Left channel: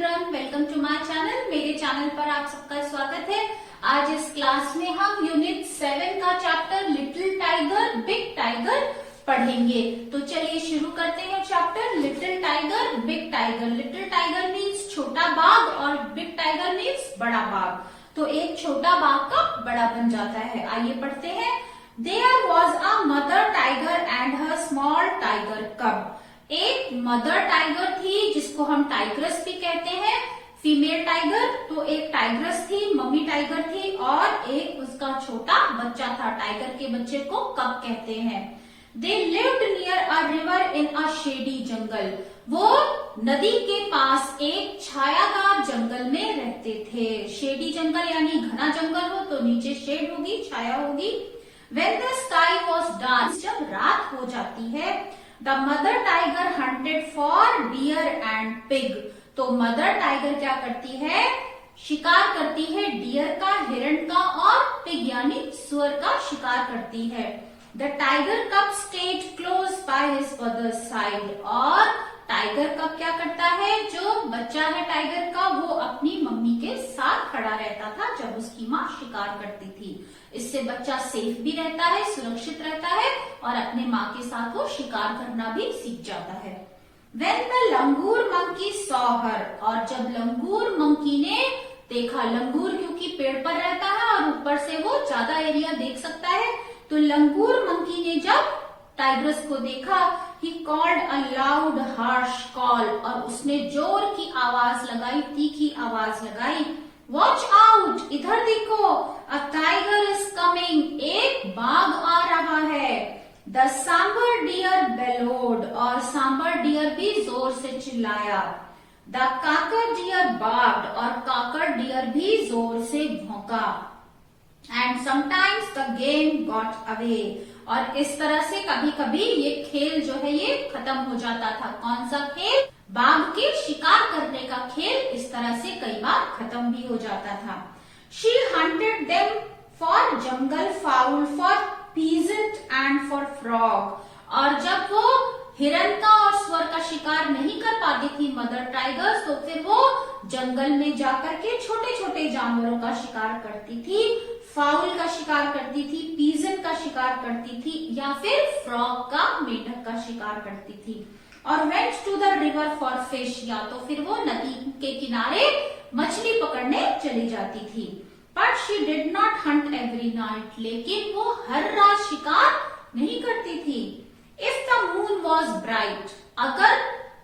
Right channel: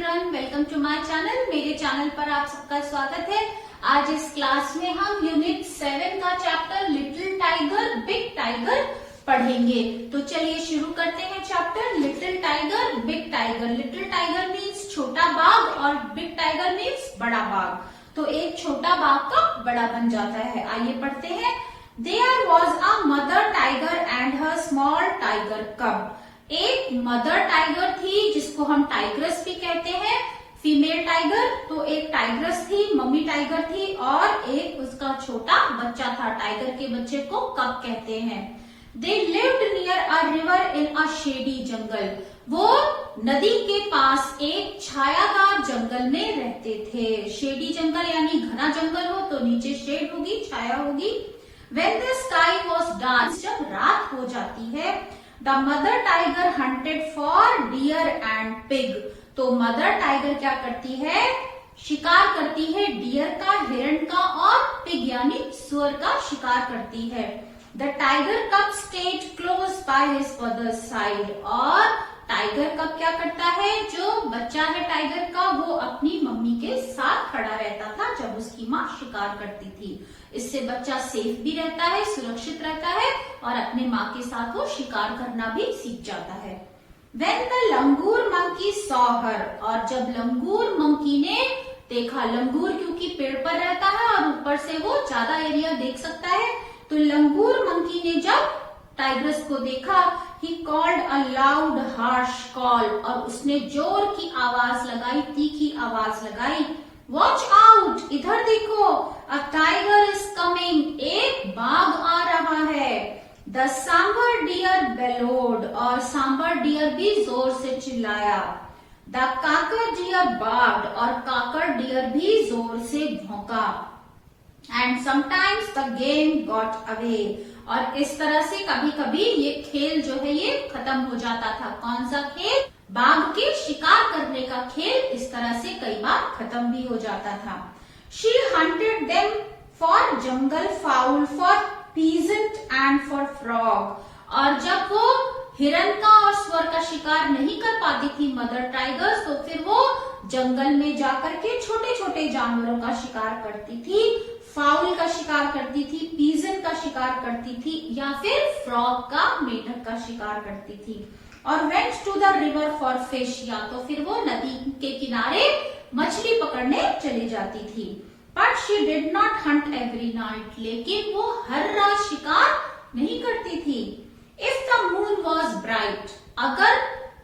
Children, welcome to my channel. मेरे channel पर आप सबका स्वागत है। आज इस क्लास में हम यूनिट 7 का chapter little tiger big tiger पढ़ेंगे। तो चलिए शुरू करते हैं chapter little tiger big tiger. Little tiger means छोटा बाघ और बिग टाइगर मीन्स बड़ा बाघ। तो एक छोटा बाघ का बड़ा बन जाता है। आइए पढ़ते हैं। There was a mother tiger and her small tiger cub. एक मदर टाइगर थी जिसको हम टाइग्रस भी कहते हैं, फीमेल टाइगर। तो एक टाइग्रस थी, मम्मी टाइगर थी, और एक उसका छोटा बच्चा था। टाइगर के बच्चे को कब कहते हैं। They lived near a river in a shady jungle. वो नदी के पास एक छायादार जंगल में रहते थे। शेडी जंगल यानी घना जंगल हो तो नीचे शेड होगी, छाया होगी। When the sky was dark, जब रात हो जाती है, The mother tiger hunted for deer and pig. तो मदर टाइगर क्या करती है, शिकार करती है डियर का, हिरण का, और पिग यानी सुअर का शिकार करती है। द टाइगर कब stayed close by his mother's side. और टाइगर कब क्या करता है, जो बच्चा है टाइगर का वो अपनी मम्मी के साथ खड़ा रहता था जब उसकी माँ शिकार करती थी। इससे बच्चा सेफ भी रहता है, सुरक्षित रहता है, और अपने माँ के साथ वो शिकार करना भी सीख जाता है। When the langur monkey saw her, और जब लंगूर मंकी ने देखा, लंगूर क्योंकि पेड़ पर रहता है और ऊपर से वो ज्यादा एरिया देख सकता है, तो लंगूर मंकी ने जब टाइग्रस को देखा, he called a loud harsh call, और उसने जोर की आवाज लगाई, तीखी आवाज लगाई। Watch out, इधर देखो, a tiger is coming, एक बाघ आ रहा है। The sambar deer bellowed, और सांबर डियर भी जोर से चिल्लाया। The काकर deer barked, और काकर डियर भी जोर से भौंका। And sometimes the game got away, और इस तरह से कभी कभी ये खेल जो है ये खत्म हो जाता था। कौन सा खेल, बाघ के शिकार करने का खेल, इस तरह से कई बार खत्म भी हो जाता था। She hunted them for jungle fowl, for pheasant and for frog, और जब वो हिरन का और सुअर का शिकार नहीं कर पाती थी मदर टाइगर, तो फिर वो जंगल में जाकर के छोटे छोटे जानवरों का शिकार करती थी। फाउल का शिकार करती थी, पीजन का शिकार करती थी, या फिर फ्रॉग का, मेढक का शिकार करती थी। और went to the river for fish, या तो फिर वो नदी के किनारे मछली पकड़ने चली जाती थी। But she did not hunt every night, लेकिन वो हर रात शिकार नहीं करती थी। If the moon was bright, अगर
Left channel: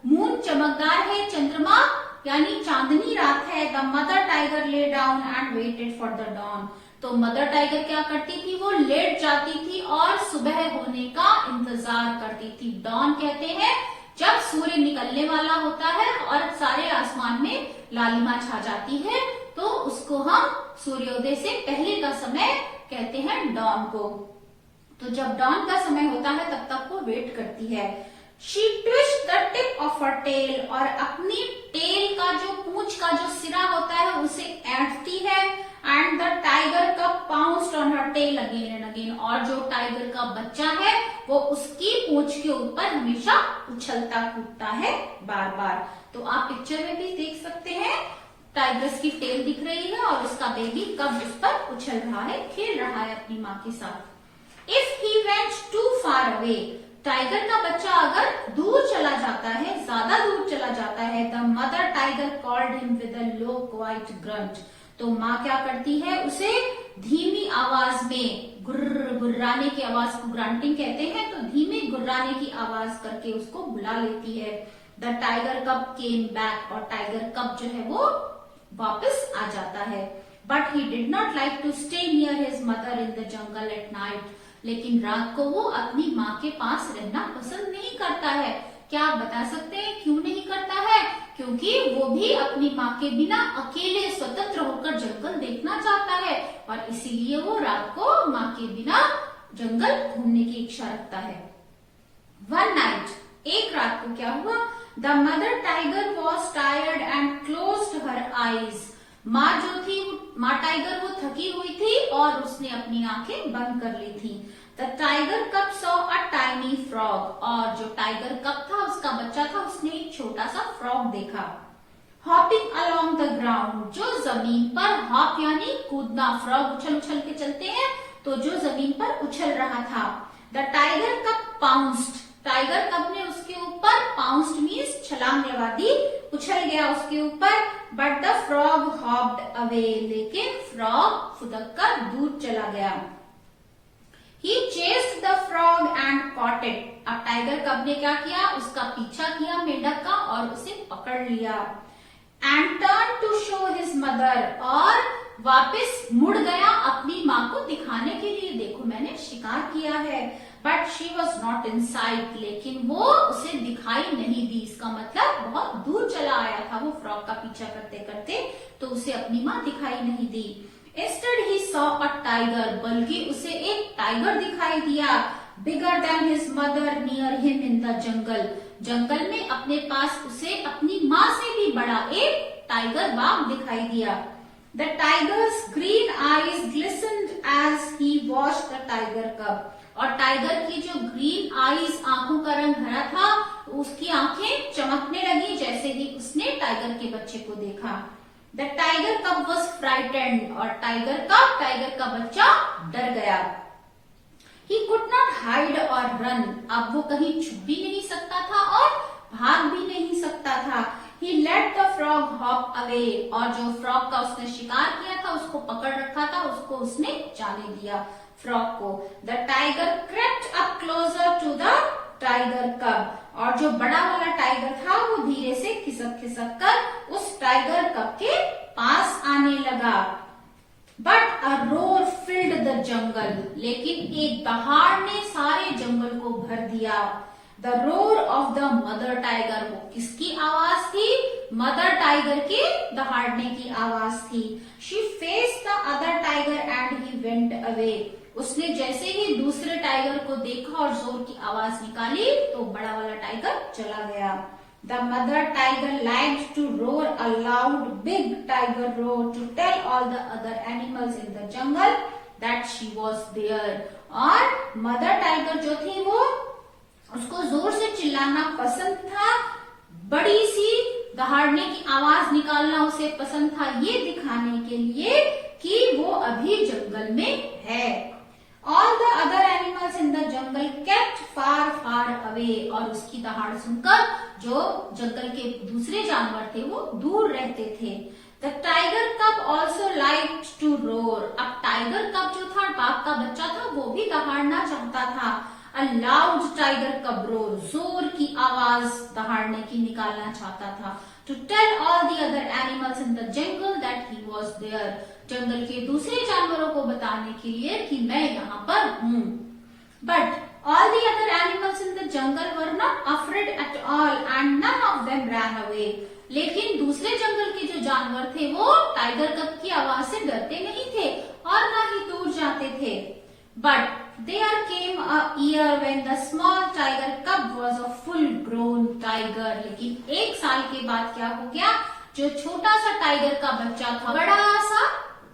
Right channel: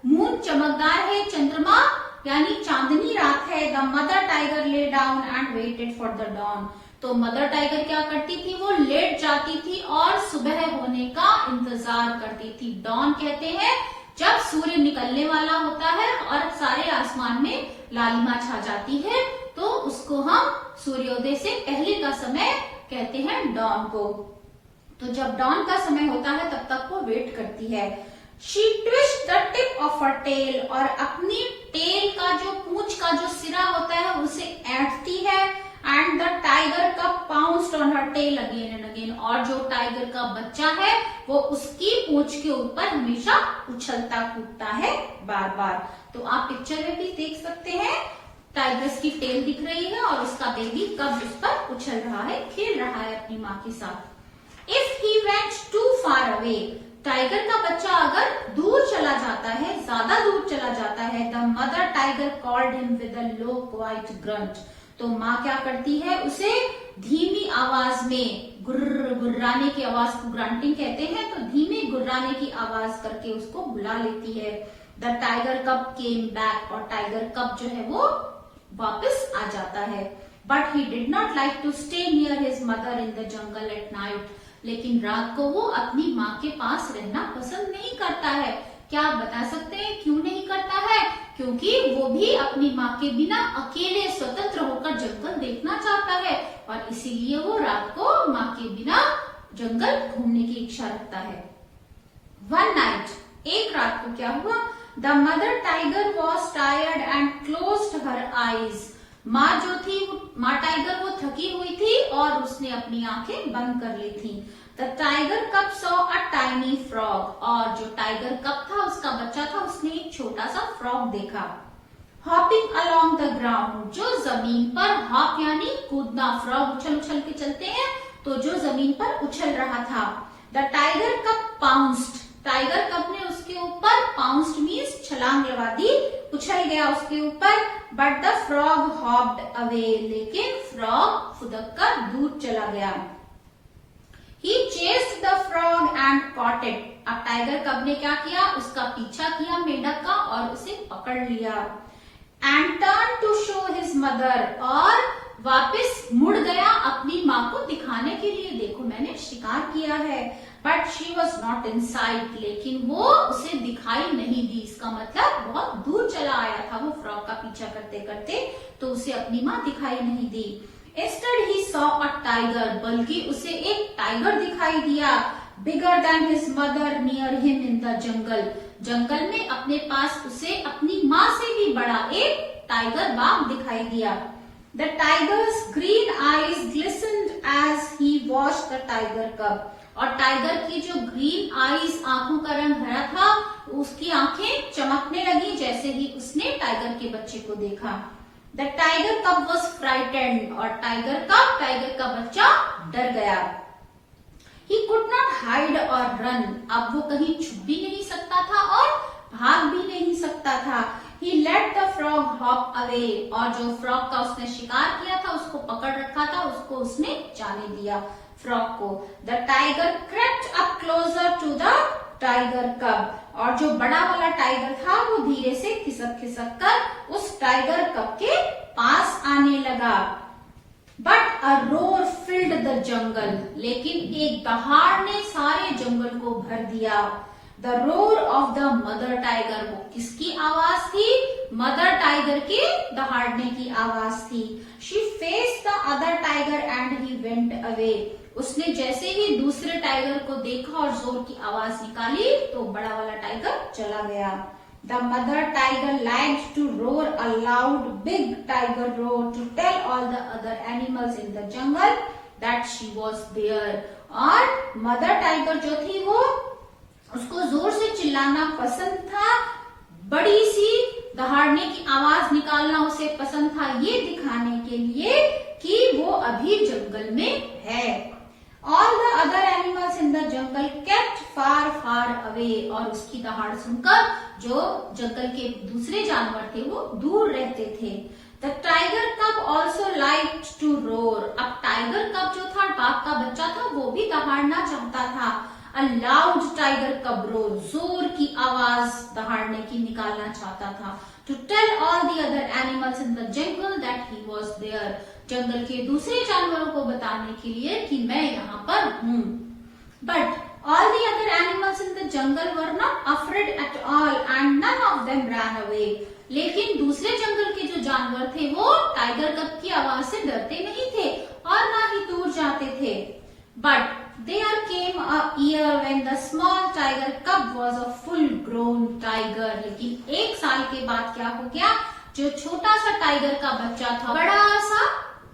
मून चमकदार है, चंद्रमा यानी चांदनी रात है, the mother tiger lay down and waited for the dawn, तो मदर टाइगर क्या करती थी, वो लेट जाती थी और सुबह होने का इंतजार करती थी। डॉन कहते हैं जब सूर्य निकलने वाला होता है और सारे आसमान में लालिमा छा जाती है, तो उसको हम सूर्योदय से पहले का समय कहते हैं डॉन को। तो जब डॉन का समय होता है तब तक वो वेट करती है। She twisted the tip of her tail, और अपनी टेल का जो पूंछ का जो सिरा होता है उसे ऐंठती है। And the tiger cub pounced on her tail again and again, और जो टाइगर का बच्चा है वो उसकी पूंछ के ऊपर हमेशा उछलता कूदता है बार बार। तो आप पिक्चर में भी देख सकते हैं, टाइगर्स की टेल दिख रही है और उसका बेबी कब उस पर उछल रहा है, खेल रहा है अपनी माँ के साथ। If he went too far away, tiger का बच्चा अगर दूर चला जाता है, ज्यादा दूर चला जाता है, the mother tiger called him with a low quite grunt, तो माँ क्या करती है, उसे धीमी आवाज में, गुर्राने की आवाज को ग्रंटिंग कहते हैं, तो धीमी गुर्राने की आवाज करके उसको बुला लेती है। द टाइगर कब केम बैक, और टाइगर कब जो है वो वापस आ जाता है। But he did not like to stay near his mother in the jungle at night, लेकिन रात को वो अपनी माँ के पास रहना पसंद नहीं करता है। क्या आप बता सकते हैं क्यों नहीं करता है? क्योंकि वो भी अपनी माँ के बिना अकेले स्वतंत्र होकर जंगल देखना चाहता है, और इसीलिए वो रात को माँ के बिना जंगल घूमने की इच्छा रखता है। वन नाइट, एक रात को क्या हुआ, the mother tiger was tired and closed her eyes, माँ जो थी, माँ टाइगर वो थकी हुई थी और उसने अपनी आंखें बंद कर ली थी। द टाइगर कब सॉ अ टाइनी फ्रॉग, और जो टाइगर कब था उसका बच्चा था, उसने एक छोटा सा फ्रॉग देखा। हॉपिंग अलोंग द ग्राउंड, जो जमीन पर, हॉप यानी कूदना, फ्रॉग उछल उछल के चलते हैं, तो जो जमीन पर उछल रहा था। The tiger cub pounced, tiger कब ने उसके ऊपर, पाउंस्ड मीन्स छलांग लगा दी, उछल गया उसके ऊपर। But the frog hopped away, लेकिन फ्रॉग फुदक कर दूर चला गया। He chased the frog and caught it. अब टाइगर कब ने क्या किया, उसका पीछा किया मेंढक का और उसे पकड़ लिया। And turned to show his mother, और वापस मुड़ गया अपनी माँ को दिखाने के लिए, देखो मैंने शिकार किया है। But she was not in sight, लेकिन वो उसे दिखाई नहीं दी। इसका मतलब बहुत दूर चला आया था वो फ्रॉग का पीछा करते करते, तो उसे अपनी माँ दिखाई नहीं दी। Instead he saw a tiger, बल्कि उसे एक टाइगर दिखाई दिया। Bigger than his mother near him in the jungle, जंगल में अपने पास उसे अपनी माँ से भी बड़ा एक टाइगर बाघ दिखाई दिया। The tiger's green eyes glistened as he watched the tiger cub, और टाइगर की जो ग्रीन आईज, आंखों का रंग हरा था, उसकी आंखें चमकने लगी जैसे ही उसने टाइगर के बच्चे को देखा। द टाइगर कब वॉज फ्राइटेंड, और टाइगर का बच्चा डर गया। ही कुड नॉट हाइड और रन, अब वो कहीं छुप भी नहीं सकता था और भाग भी नहीं सकता था। He let the frog hop away, और जो फ्रॉग का उसने शिकार किया था, उसको पकड़ रखा था, उसको उसने जाने दिया फ्रॉग को। The tiger crept up closer to the tiger cub, और जो बड़ा वाला टाइगर था वो धीरे से खिसक खिसक कर उस टाइगर कब के पास आने लगा। But a roar filled the jungle, लेकिन एक दहाड़ ने सारे जंगल को भर दिया। The roar of the mother tiger, वो किसकी आवाज थी, मदर टाइगर के दहाड़ने की आवाज थी। She faced the other tiger and he went away, उसने जैसे ही दूसरे टाइगर को देखा और जोर की आवाज निकाली तो बड़ा वाला टाइगर चला गया। The mother tiger liked to roar a loud big tiger roar to tell all the other animals in the jungle that she was there, और मदर टाइगर जो थी वो, उसको जोर से चिल्लाना पसंद था, बड़ी सी दहाड़ने की आवाज निकालना उसे पसंद था, ये दिखाने के लिए कि वो अभी जंगल में है। All the other animals in the jungle kept far far away, और उसकी दहाड़ सुनकर जो जंगल के दूसरे जानवर थे वो दूर रहते थे। The tiger cub also liked to roar, अब टाइगर कब जो था, बाघ का बच्चा था, वो भी दहाड़ना चाहता था। A loud tiger cub roar, जोर की आवाज दहाड़ने की निकालना चाहता था। To tell all the other animals in the jungle that he was there, जंगल के दूसरे जानवरों को बताने के लिए कि मैं यहाँ पर हूँ। But all the other animals in the jungle were not afraid at all and none of them ran away, लेकिन दूसरे जंगल के जो जानवर थे वो टाइगर कब की आवाज से डरते नहीं थे और ना ही दूर जाते थे। But there came a year when the small tiger cub was a full grown tiger, लेकिन एक साल के बाद क्या हो गया, जो छोटा सा टाइगर का बच्चा था बड़ा सा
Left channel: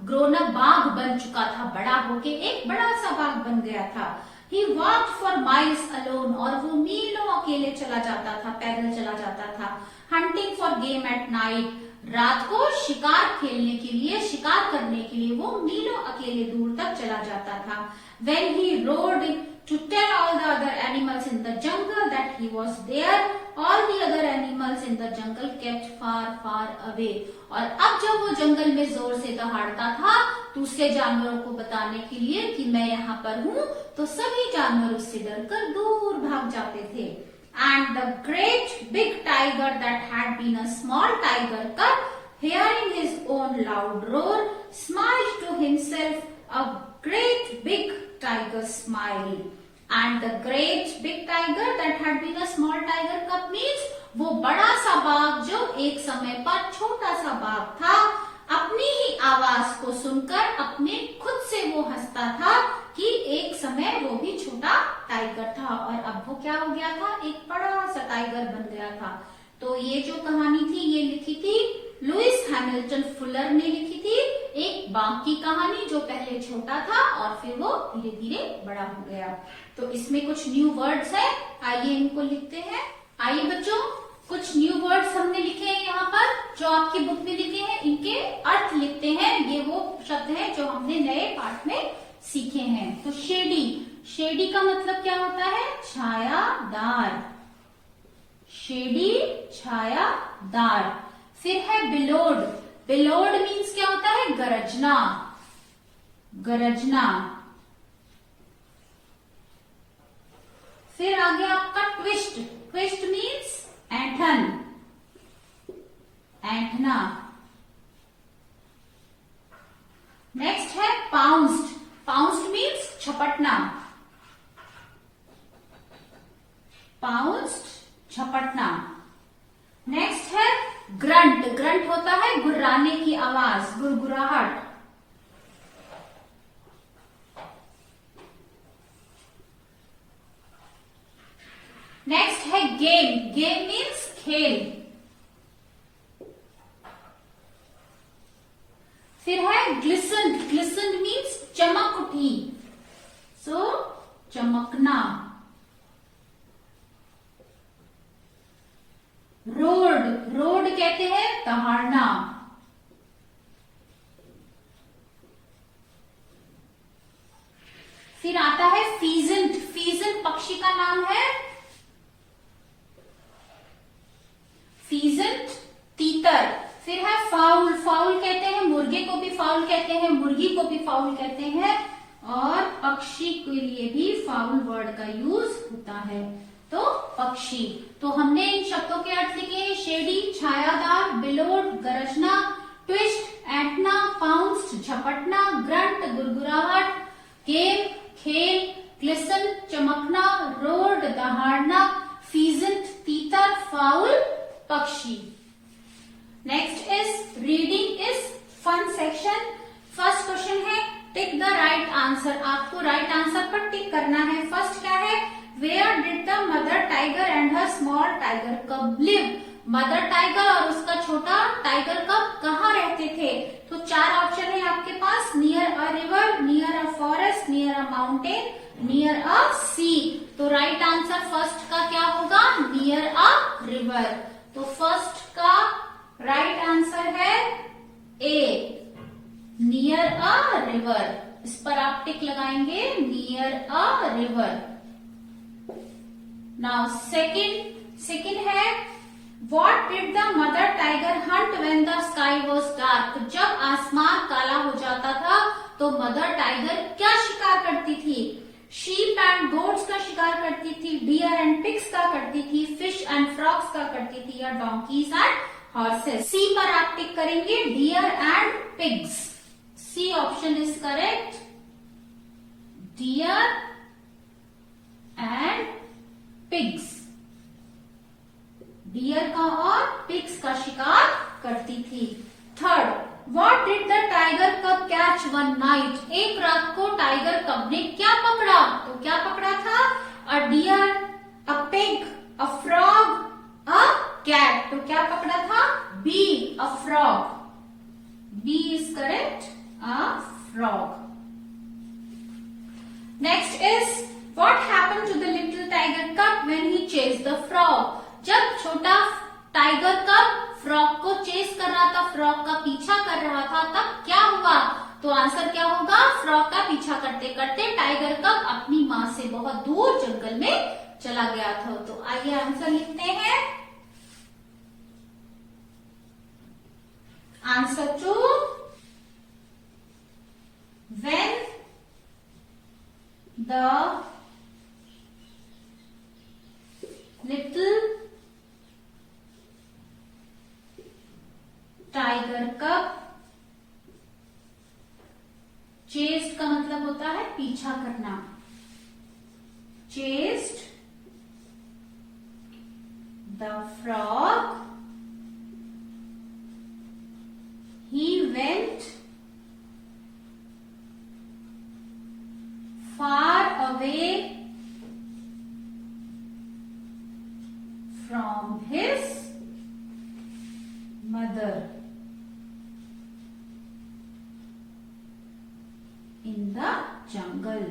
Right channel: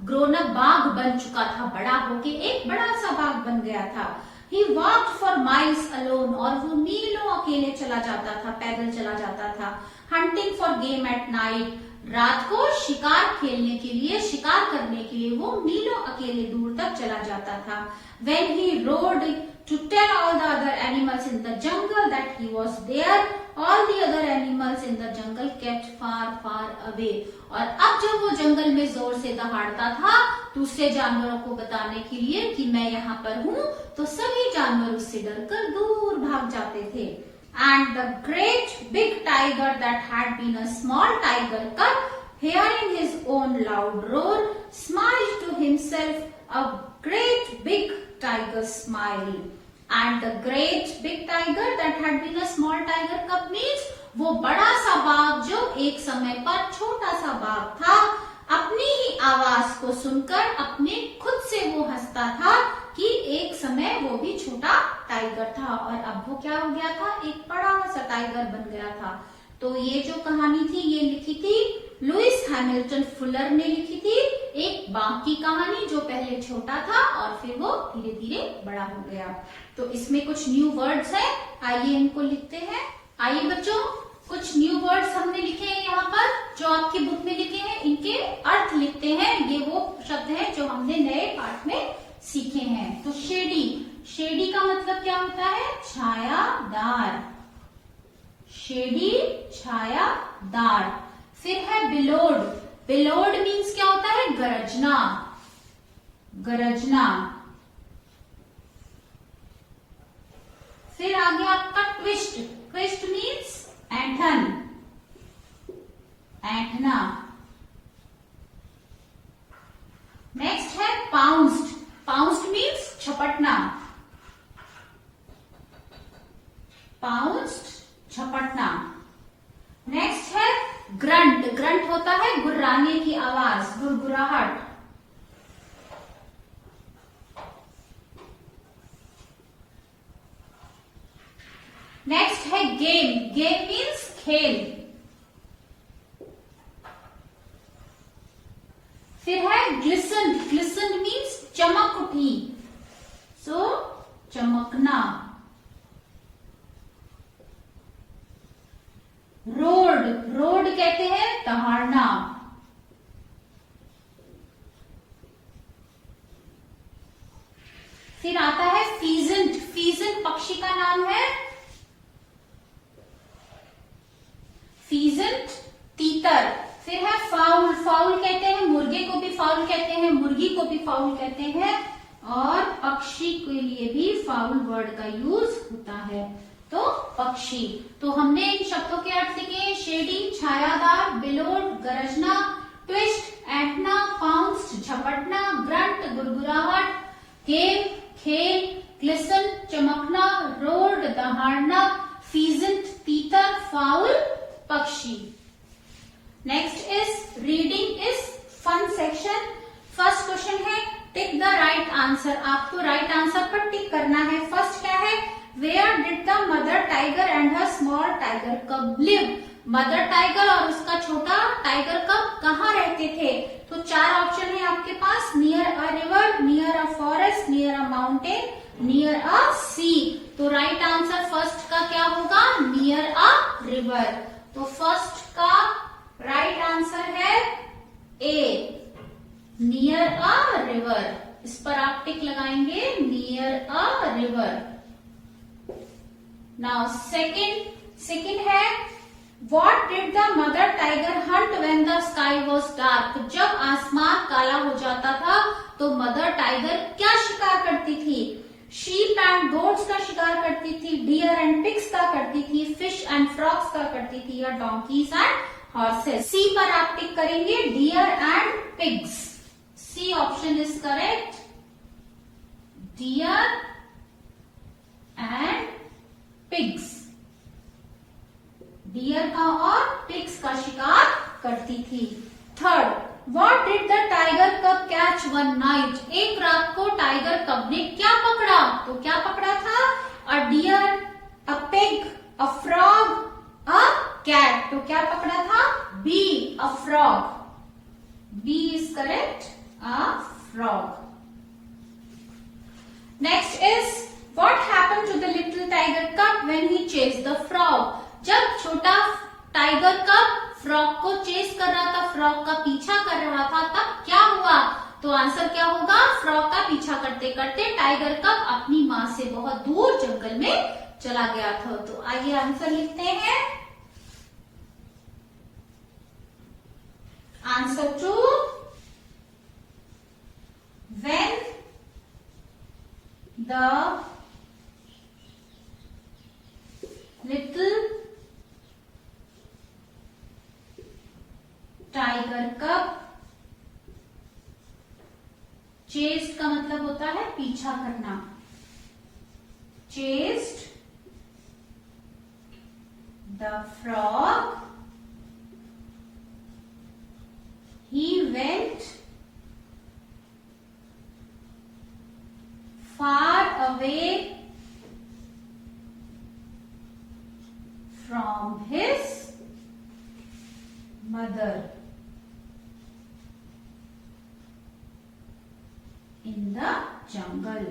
ग्रोन अप बाघ बन चुका था, बड़ा होके एक बड़ा सा बाघ बन गया था। He walked for miles alone, और वो मीलों अकेले चला जाता था, पैदल चला जाता था। Hunting for game at night, रात को शिकार खेलने के लिए, शिकार करने के लिए वो मीलों अकेले दूर तक चला जाता था। When he rode to tell all the other animals in the jungle that he was there, all the other animals in the jungle kept far far away, और अब जब वो जंगल में जोर से दहाड़ता था दूसरे जानवरों को बताने के लिए कि मैं यहाँ पर हूँ, तो सभी जानवर उससे डरकर दूर भाग जाते थे। And the great big tiger that had been a small tiger cub, hearing his own loud roar, smiled to himself a great big tiger smile. And the great big tiger that had been a small tiger cub means वो बड़ा सा बाघ जो एक समय पर छोटा सा बाघ था, अपनी ही आवाज को सुनकर अपने खुद से वो हंसता था कि एक समय वो भी छोटा टाइगर था और अब वो क्या हो गया था, एक बड़ा सा टाइगर बन गया था। तो ये जो कहानी थी ये लिखी थी लुइस हैमिल्टन फुलर ने लिखी थी, एक बाघ की कहानी जो पहले छोटा था और फिर वो धीरे धीरे बड़ा हो गया। तो इसमें कुछ न्यू वर्ड्स है, आइए इनको लिखते हैं। आइए बच्चों, कुछ न्यू वर्ड्स हमने लिखे हैं यहाँ पर जो आपकी बुक में लिखे हैं इनके अर्थ लिखते हैं। ये वो शब्द हैं जो हमने नए पाठ में सीखे हैं। तो शेडी, शेडी का मतलब क्या होता है? छायादार। शेडी छायादार। फिर है बिलोड, बिलोड मीन्स क्या होता है? गरजना, गरजना। फिर आ गया आपका ट्विस्ट, ट्विस्ट मीन्स ऐंठन, ऐंठना। नेक्स्ट है पाउंस्ड, पाउंस्ड मीन्स झपटना, पाउंस्ड झपटना। नेक्स्ट है ग्रंट, ग्रंट होता है गुर्राने की आवाज, गुरगुराहट। नेक्स्ट है गेम, गेम मीन्स खेल। फिर है ग्लिसन, ग्लिसन मीन्स चमक उठी, सो चमकना। रोड, रोड कहते हैं दहाड़ना। फिर आता है फीजेंट, फीजेंट पक्षी का नाम है। फीजेंट तीतर। फिर है फाउल, फाउल कहते हैं मुर्गे को भी फाउल कहते हैं, मुर्गी को भी फाउल कहते हैं, और पक्षी के लिए भी फाउल वर्ड का यूज होता है। तो पक्षी। तो हमने इन शब्दों के अर्थ लिखे, शेडी छायादार, बिलोड गरजना, ट्विस्ट ऐंठना, पाउंस झपटना, ग्रंट गुरगुराहट, गेम खेल, ग्लिसन चमकना, रोड दहाड़ना, फीजेंट तीतर, फाउल पक्षी। Next is reading is fun section. First question है टिक द राइट आंसर। आपको राइट आंसर पर टिक करना है। फर्स्ट क्या है? Where did the mother tiger and her small tiger cub live? Mother tiger और उसका छोटा टाइगर कब कहाँ रहते थे? तो चार ऑप्शन है आपके पास, near a river, near a forest, near a mountain, near a sea. तो राइट आंसर फर्स्ट का क्या होगा? Near a river. तो फर्स्ट का राइट आंसर है ए, नियर अ रिवर। इस पर आप टिक लगाएंगे, near a river. Now second है what did the mother tiger hunt when the sky was dark? जब आसमान काला हो जाता था तो मदर टाइगर क्या शिकार करती थी? शीप एंड गोट्स का शिकार करती थी, डियर एंड पिग्स का करती थी, फिश एंड फ्रॉग्स का करती थी, या डोंकीज एंड हॉर्सेस? सी पर आप टिक करेंगे, deer and pigs. C option is correct, deer and pigs. Deer का और पिग्स का शिकार करती थी। Third, what did the tiger cub catch one night? एक रात को टाइगर कब ने क्या पकड़ा? तो क्या पकड़ा था? A deer, a pig, a frog, a cat. तो क्या पकड़ा था? B, a frog. B is correct, a frog. Next is what happened to the little tiger cub when he chased the frog? जब छोटा टाइगर कब frog को chess कर रहा था, फ्रॉग का पीछा कर रहा था, तब क्या हुआ? तो आंसर क्या होगा? फ्रॉग का पीछा करते करते टाइगर कब अपनी मां से बहुत दूर जंगल में चला गया था। तो आइए आंसर लिखते हैं। Answer two, when the little tiger cub, chased का मतलब होता है पीछा करना, chased the frog, he went far away from his mother in the jungle.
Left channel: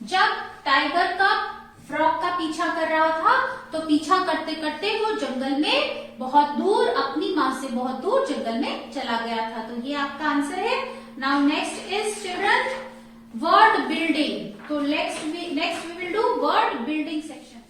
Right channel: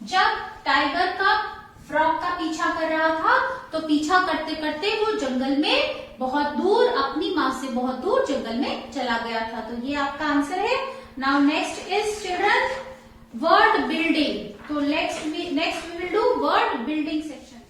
जब टाइगर कब फ्रॉग का पीछा कर रहा था, तो पीछा करते करते वो जंगल में बहुत दूर, अपनी माँ से बहुत दूर जंगल में चला गया था। तो ये आपका आंसर है। Now next is children word building. तो next we will do word building section.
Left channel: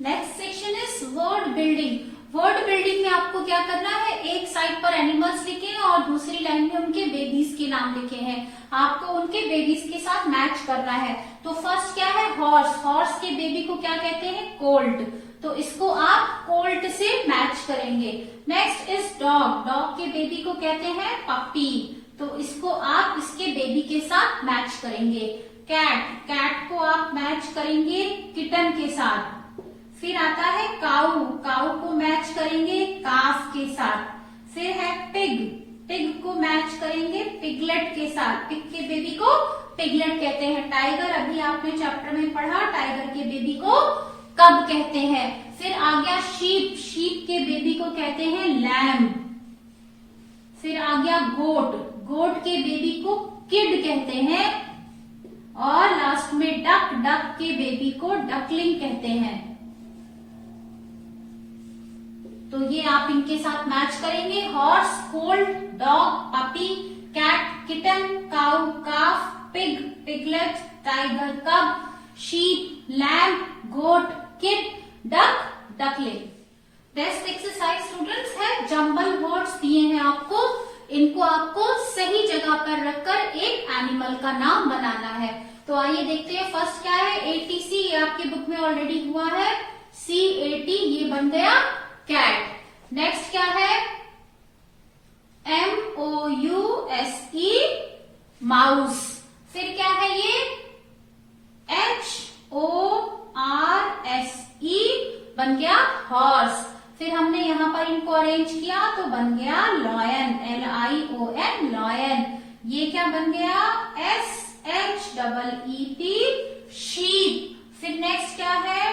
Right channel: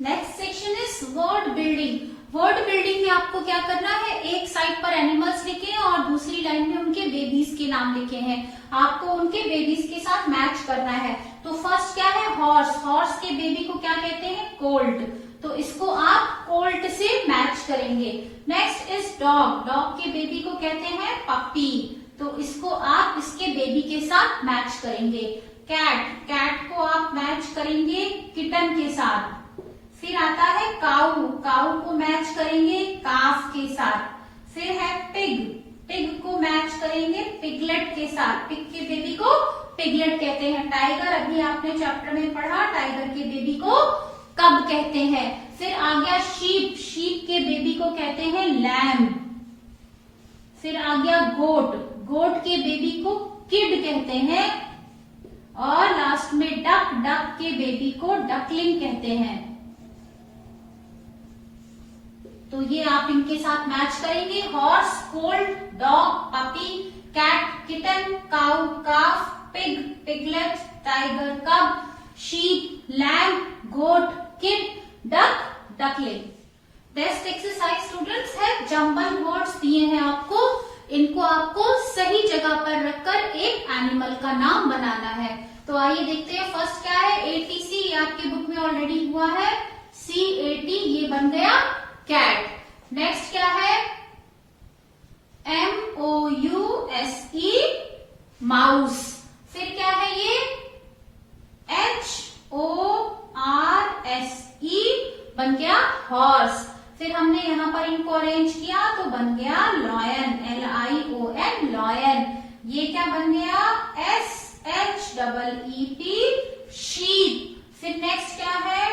Next section is word building. Word building में आपको क्या करना है, एक साइड पर एनिमल्स लिखे हैं और दूसरी लाइन में उनके बेबीज के नाम लिखे हैं। आपको उनके बेबीज के साथ मैच करना है। तो फर्स्ट क्या है, हॉर्स। हॉर्स के बेबी को क्या कहते हैं, कोल्ट। तो इसको आप कोल्ट से मैच करेंगे। Next is dog. डॉग के बेबी को कहते हैं पपी। तो इसको आप इसके बेबी के साथ मैच करेंगे। कैट। कैट को आप मैच करेंगे किटन के साथ। फिर आता है काऊ। काऊ को मैच करेंगे काफ के साथ। फिर है पिग। पिग को मैच करेंगे पिगलेट के साथ। पिग के बेबी को पिगलेट कहते हैं। टाइगर, अभी आपने चैप्टर में पढ़ा, टाइगर के बेबी को कब कहते हैं। फिर आ गया शीप। शीप के बेबी को कहते हैं लैम। फिर आ गया गोट। गोट के बेबी को किड कहते हैं। और लास्ट में डक। डक के बेबी को डकलिंग कहते हैं। तो ये आप इनके साथ मैच करेंगे। Horse, colt, dog, puppy, cat, kitten, cow, calf, pig, piglet, tiger, cub, sheep, lamb, goat, kid, duck, duckling. Next exercise students है जंबल वर्ड्स दिए हैं आपको। इनको आपको सही जगह पर रखकर एक एनिमल का नाम बनाना है। तो आइए देखते हैं। फर्स्ट क्या है, ATC। ये आपकी बुक में ऑलरेडी हुआ है। CAT ये बन गया कैट। नेक्स्ट क्या है, MOUSE माउस। फिर क्या है ये, HORSE बन गया हॉर्स। फिर हमने यहां पर इनको अरेंज किया तो बन गया लॉयन, LION लॉयन। ये क्या बन गया, SHEEP शीप। फिर नेक्स्ट क्या है,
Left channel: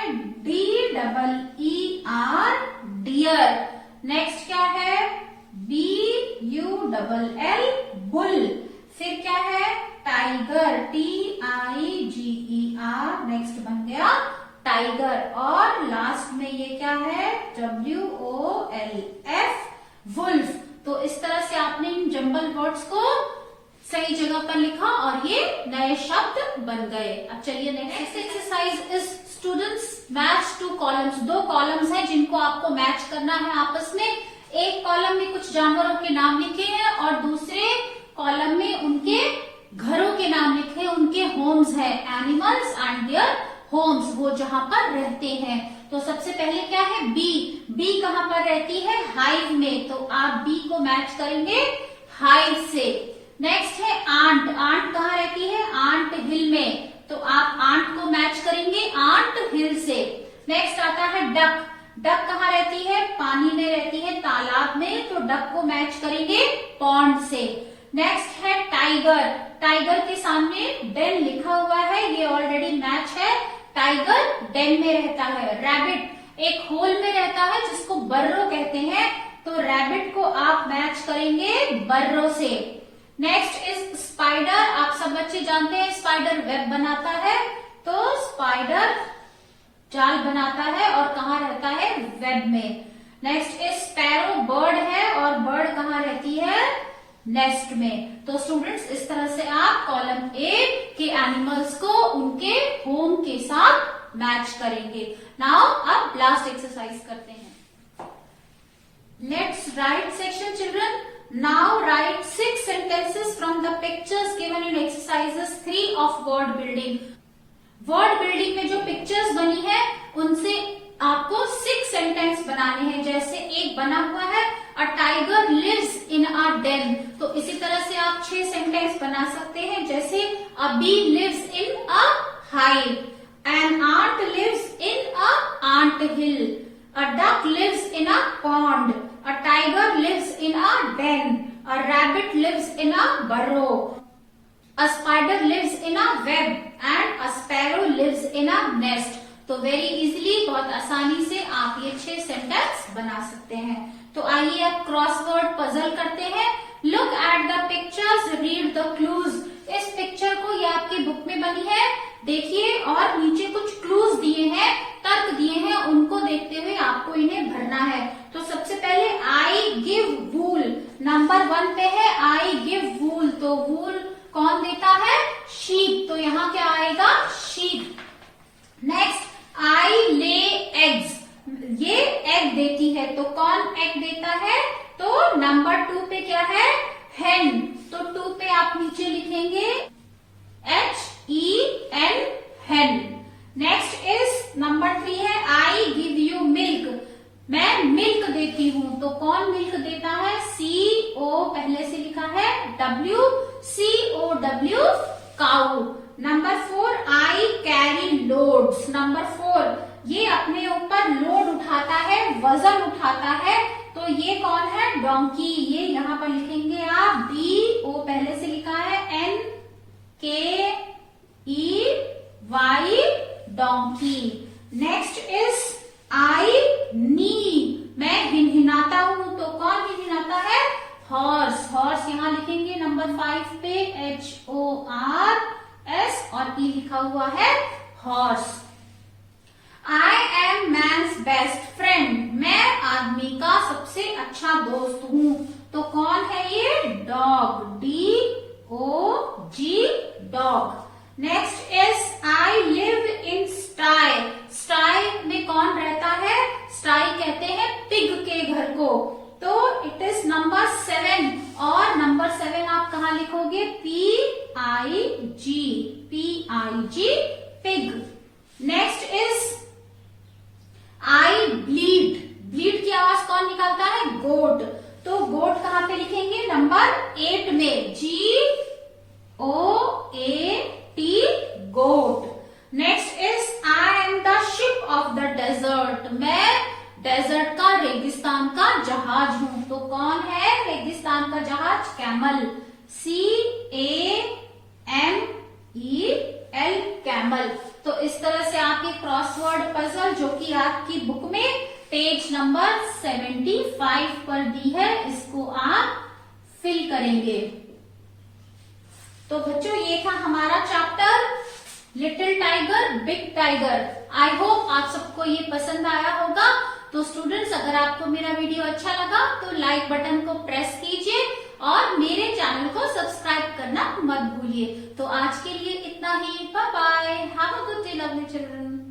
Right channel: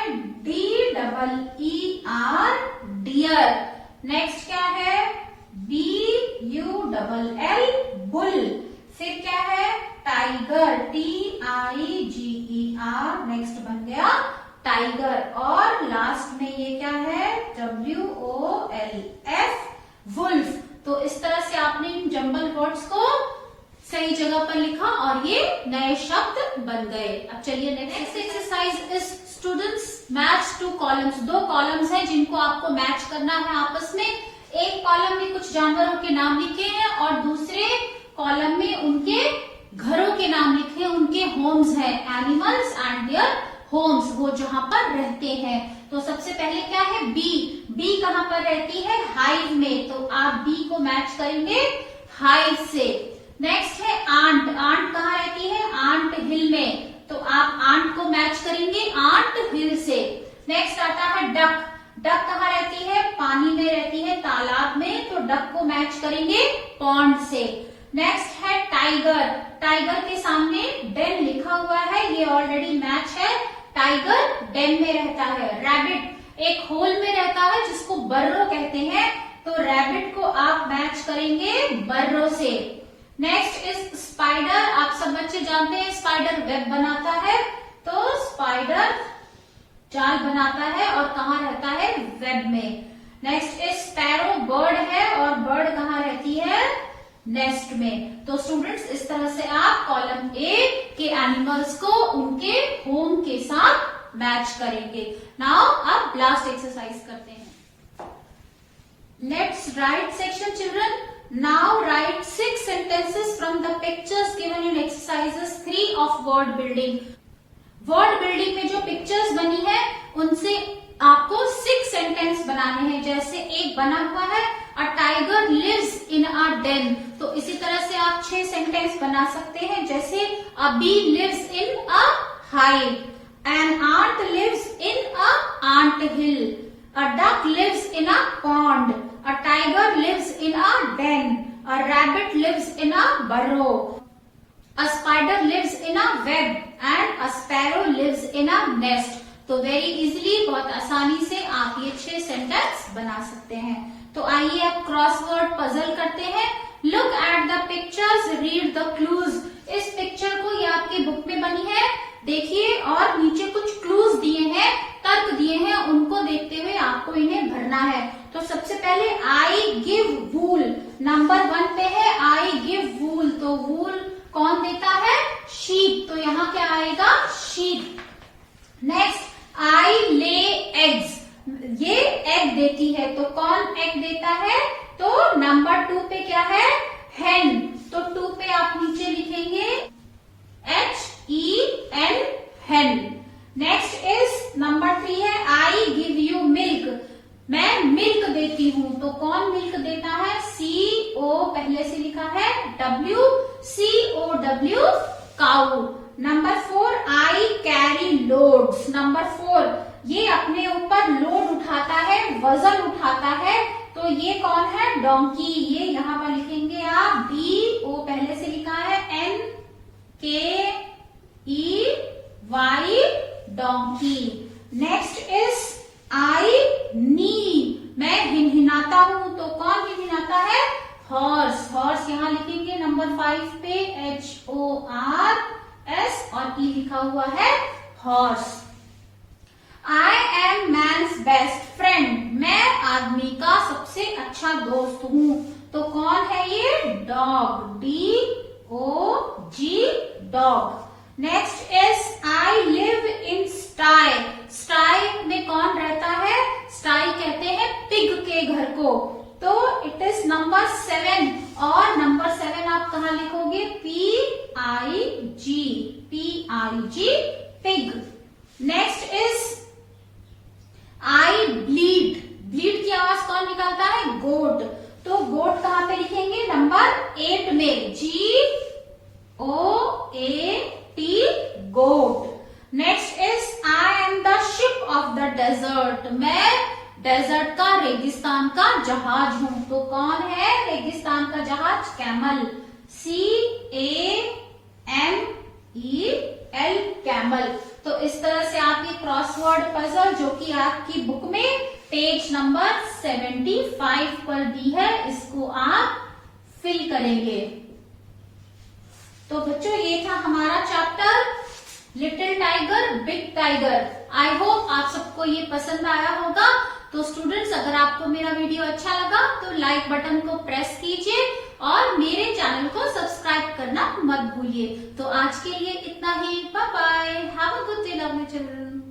DEER डियर। नेक्स्ट क्या है, BULL बुल। फिर क्या है, टाइगर, TIGER। नेक्स्ट बन गया टाइगर। और लास्ट में ये क्या है, WOLF वुल्फ। तो इस तरह से आपने इन जंबल वर्ड्स को सही जगह पर लिखा और ये नए शब्द बन गए। अब चलिए next exercise is students match two columns. दो कॉलम्स हैं जिनको आपको मैच करना है आपस में। एक कॉलम में कुछ जानवरों के नाम लिखे हैं और दूसरे कॉलम में उनके घरों के नाम लिखे, उनके होम्स हैं, एनिमल्स एंड देयर होम्स, वो जहां पर रहते हैं। तो सबसे पहले क्या है, बी। बी कहां पर रहती है, हाइव में। तो आप बी को मैच करेंगे हाइव से। नेक्स्ट है आंट। आंट कहाँ रहती है, आंट हिल में। तो आप आंट को मैच करेंगे आंट हिल से। नेक्स्ट आता है डक। डक कहाँ रहती है, पानी में रहती है, तालाब में। तो डक को मैच करेंगे पॉन्ड से। नेक्स्ट है टाइगर। टाइगर के सामने डेन लिखा हुआ है, ये ऑलरेडी मैच है। टाइगर डेन में रहता है। रैबिट एक होल में रहता है जिसको बर्रो कहते हैं। तो रैबिट को आप मैच करेंगे बर्रो से। Next is spider. आप सब बच्चे जानते हैं स्पाइडर वेब बनाता है। तो स्पाइडर जाल बनाता है और कहाँ रहता है, वेब में। Next is sparrow. बर्ड है और बर्ड कहाँ रहती है, नेस्ट में। तो स्टूडेंट्स इस तरह से आप कॉलम ए के एनिमल्स को उनके होम के साथ मैच करेंगे। नाउ अब लास्ट एक्सरसाइज करते हैं। Let's write section children. Now right 6 sentences from the pictures given in exercises 3 of word building। Word building में जो पिक्चर्स बनी है उनसे आपको 6 सेंटेंस बनाने हैं। जैसे एक बना हुआ है a tiger lives in a den. तो इसी तरह से आप 6 सेंटेंस बना सकते हैं। जैसे a bee lives in a hive, an ant lives in an ant hill, a duck lives in a pond, a tiger lives in a den, a rabbit lives in a burrow, a spider lives in a web and a sparrow lives in a nest। तो very easily, बहुत आसानी से आप ये 6 sentence बना सकते हैं। तो आइए अब क्रॉसवर्ड पजल करते हैं। Look at the pictures, read the clues. इस पिक्चर को ये आपकी बुक में बनी है, देखिए और नीचे कुछ क्लूज दिए हैं, तर्क दिए हैं, उनको देखते हुए आपको इन्हें भरना है। तो सबसे पहले आई गिव वूल, नंबर 1 पे है आई गिव वूल, तो वूल कौन देता है? शीप, तो यहाँ क्या आएगा? Sheep. Next I lay eggs, ये एग देती है, तो कौन एग देता है? तो नंबर 2 पे क्या है? हेन, तो 2 पे आप नीचे लिखेंगे HEN, हेन। नेक्स्ट इज नंबर 3 है आई गिव यू मिल्क, मैं मिल्क देती हूं, तो कौन मिल्क देता है? CO पहले से लिखा है WCOW, cow. Number 4 I carry loads, number 4 ये अपने ऊपर लोड उठाता है, वजन उठाता है, तो ये कौन है? डोंकी। ये यहाँ पर लिखेंगे आप DO पहले से लिखा है NKEY, donkey. Next is I neigh, मैं हिनहिनाता हूं, तो कौन हिनहिनाता है? हॉर्स, हॉर्स यहाँ लिखेंगे नंबर 5 पे HORS और E लिखा हुआ है horse. I am man's best friend, मैं आदमी का सबसे अच्छा दोस्त हूं, तो कौन है ये? Dog, DOG, dog. Next is I live in sty, sty में कौन रहता है? स्टाई कहते हैं पिग के घर को, तो इट इज नंबर 7, और नंबर 7 आप कहाँ लिखोगे? PIG, pig. Next is I bleed, bleed की आवाज कौन निकालता है? गोट, तो गोट कहाँ पे लिखेंगे? नंबर 8 में GOAT, goat. Next is I am the ship of the desert, मैं डेजर्ट का, रेगिस्तान का जहाज हूं, तो कौन है रेगिस्तान का जहाज? Camel, CAMEL, camel. तो इस तरह से आप ये क्रॉसवर्ड पजल जो कि आपकी बुक में पेज नंबर 75 पर दी है, इसको आप फिल करेंगे। तो बच्चों ये था हमारा chapter little tiger big tiger. I hope आप सबको ये पसंद आया होगा। तो स्टूडेंट्स, अगर आपको मेरा वीडियो अच्छा लगा तो लाइक बटन को प्रेस कीजिए और मेरे चैनल को सब्सक्राइब करना मत भूलिए। तो आज के लिए इतना ही, bye bye, have a good day lovely children.